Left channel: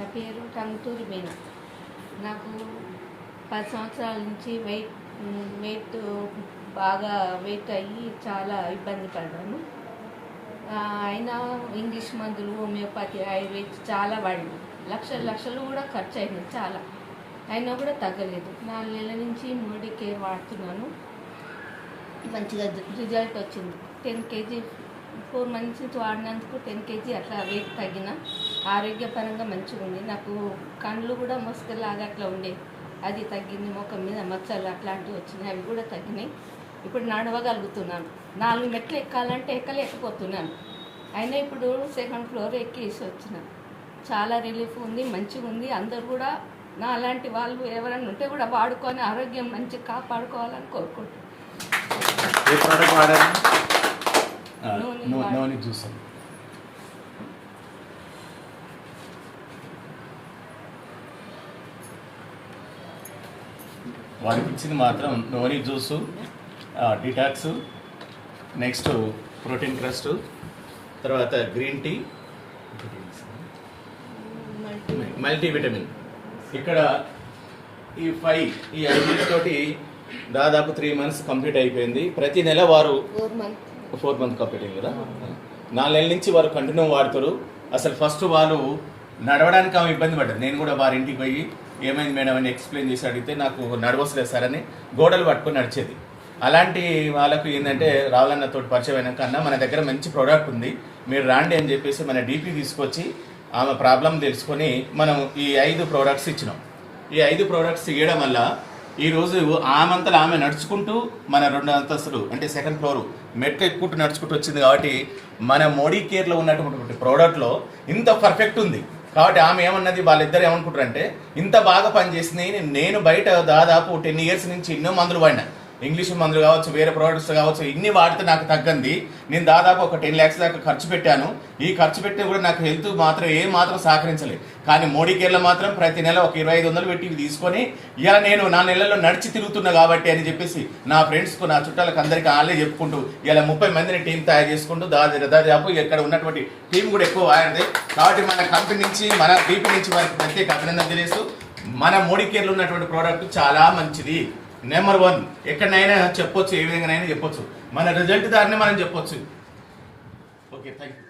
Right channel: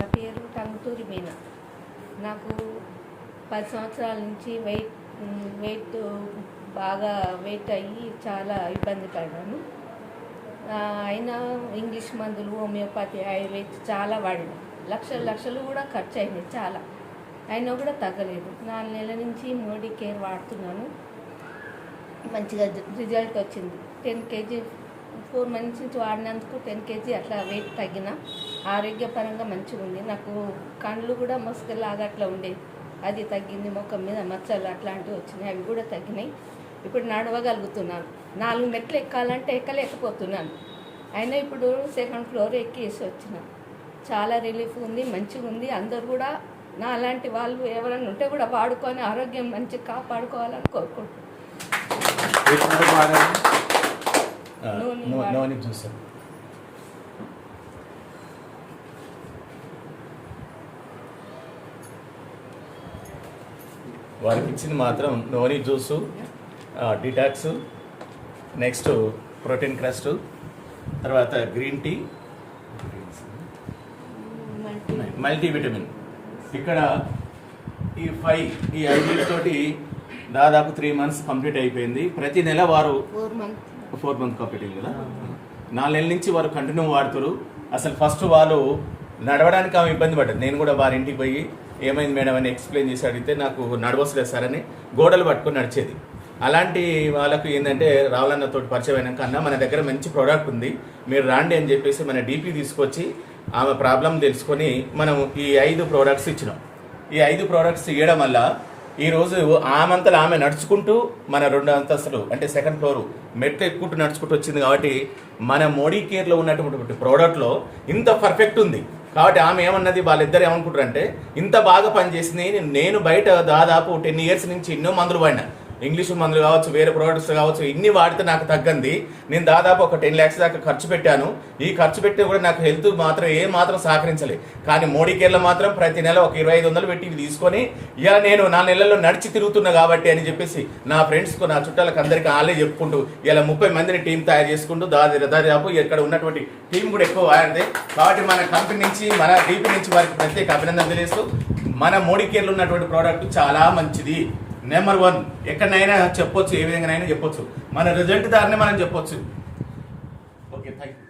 నా పేరు టంగుటూరి మీనా. నాకు 10 సంవత్సరాల నుంచి వెయిట్ బాగా వెయిట్ అయ్యి చాలా ఇబ్బంది పడ్డాను. అయినా ఇంగ్లీష్ మందులు, హోమియోపతి, ఆయుర్వేద చాలా వాడినాయి. లక్షలు కూడా ఖర్చు అయినాయి చాలా. అయినా కూడా తగ్గలేదు. 4 నెలల నుంచి మోడీ కేర్ వాడుతున్నాను. మంచిగా రిజల్ట్ వచ్చింది. 10 kg 4 months నుంచి వాడినందుకు 10 kg అట్లా వెయిట్ తగ్గిన. ఆరోగ్యపరంగా మంచిగా ఉంది. నాకు కళ్ళు కూడా మస్కలాగా అట్లా ఉండేది, అది తగ్గింది. ముఖం మీద మచ్చలు అట్లాంటివి వచ్చినాయి, అవి కూడా తగ్గినాయి. ఇప్పుడు నడవగలుగుతున్నాను. 4 మెట్లు ఎక్కాలంటే ఎక్కలేకపోతున్నాను. అయినా ఇప్పుడు 2nd floor ఎక్కేసి వచ్చిన. చాలా రిలీఫ్ ఉంది, మంచిగా ఉంది. అందరు కూడా నా అలాంటి వాళ్ళు ఎవరైనా ఉంటే కూడా వాడుకొని ఆరోగ్యం మంచిగా కాపాడుకోవాలని కోరుకుంటున్నాను. వారికి ఇచ్చింది మాత్రం noni juice, detox, next protein crust, తర్వాత గ్రీన్ టీ, మల్టీవిటమిన్. ఇక్కడ ఈ 5 తోటి దాదాపు 3 months కంప్లీట్ అయిపోయింది. ప్రతి నెల వారు 4 months కంప్లీట్ అయింది కదా. 4 నెలల నుంచి వారు కంటిన్యూ వాడుతారు. అసలు ఫస్ట్ వాళ్ళు నడవడానికి ఆమె ఇబ్బంది పడ్డది. నేను కూడా వారి ఇంటికి పోయి ఏమైంది మేడం అని ఎక్స్ప్లెయిన్ చేసి అడిగితే నాకు నడవసలేదు సార్ అని గోడలు పట్టుకొని నడిచేది. అలాంటి వాళ్ళకు ఏంటంటే రావాలన్నతో పరిచయం అయినాక అన్న మన దగ్గర మంచి ప్రోడక్ట్ ఉంది, మీరు రాండి అని చెప్పేసి మన డీపీ తీసుకొచ్చి ఆమె ప్రాబ్లం తెలుసుకొని మనం ఈ 5 ప్రోడక్ట్స్ ఇచ్చినాం. ఈ 5 ప్రోడక్ట్స్ ఇవ్వడం వల్ల ఈరోజు ఆమెంతలో ఆమె నడుచుకుంటూ మన 2 అంతస్తులు అంటే 2nd floor మెట్లు ఎక్కుంటూ నడుచుకుంటూ వచ్చింది. కాబట్టి మన మోడీ కేర్లో ఉన్నటువంటి ప్రోడక్ట్లో ఇంత పర్ఫెక్ట్ ఉంది. కాబట్టి ఆమె ఏమన్నది, వాళ్ళిద్దరు ఏమనుకుంటారంటే ఇంత బాగా పనిచేసింది. నేను బయట దాదాపు 10 years నుంచి ఎన్నో మందులు వాడినా, ఇంగ్లీష్ మందులు కావచ్చు, వేరే ప్రోడక్ట్స్ కావచ్చు, ఇన్ని వాడితే నాకు తగ్గంది. నేను దాదాపు ఒక 10 lakhs దాకా ఖర్చు పెట్టాను. ఈ ఖర్చు పెట్టి కూడా నాకు హెల్త్ మాత్రం మాత్రం సహకరించలేదు. కానీ మోడీ కేర్లో మాత్రం ప్రతి నెల ఒక 2500 పెట్టి తీసుకొని ఇలా నేను 4 నెలల్లో నడిచి తిరుగుతున్నా కాబట్టి అని చెప్పేసి నా ఫ్రెండ్స్కు, నా చుట్టాలకు అందరికీ వాళ్ళే చెప్పుకుంటూ ఇలా 30 మందిని టీం తయారు చేసుకుంటూ దాదాపు ఇక్కడ ఉన్నటువంటి టీం కూడా ఎక్కువ వాడింది. కాబట్టి మన కంపెనీ నుంచి, మన డీపీ నుంచి వారికి ప్రత్యేక అభినందన తెలియజేస్తూ మన మోడీ కేర్లో ఉన్నటువంటి ప్రోడక్ట్ చాలా మంచిది. నెంబర్ 1 ఎక్కడైనా చెప్పొచ్చు, ఏ విధంగానైనా చెప్పొచ్చు. మన రిజల్ట్ దారినే మనం చెప్పొచ్చు. Okay, thank you.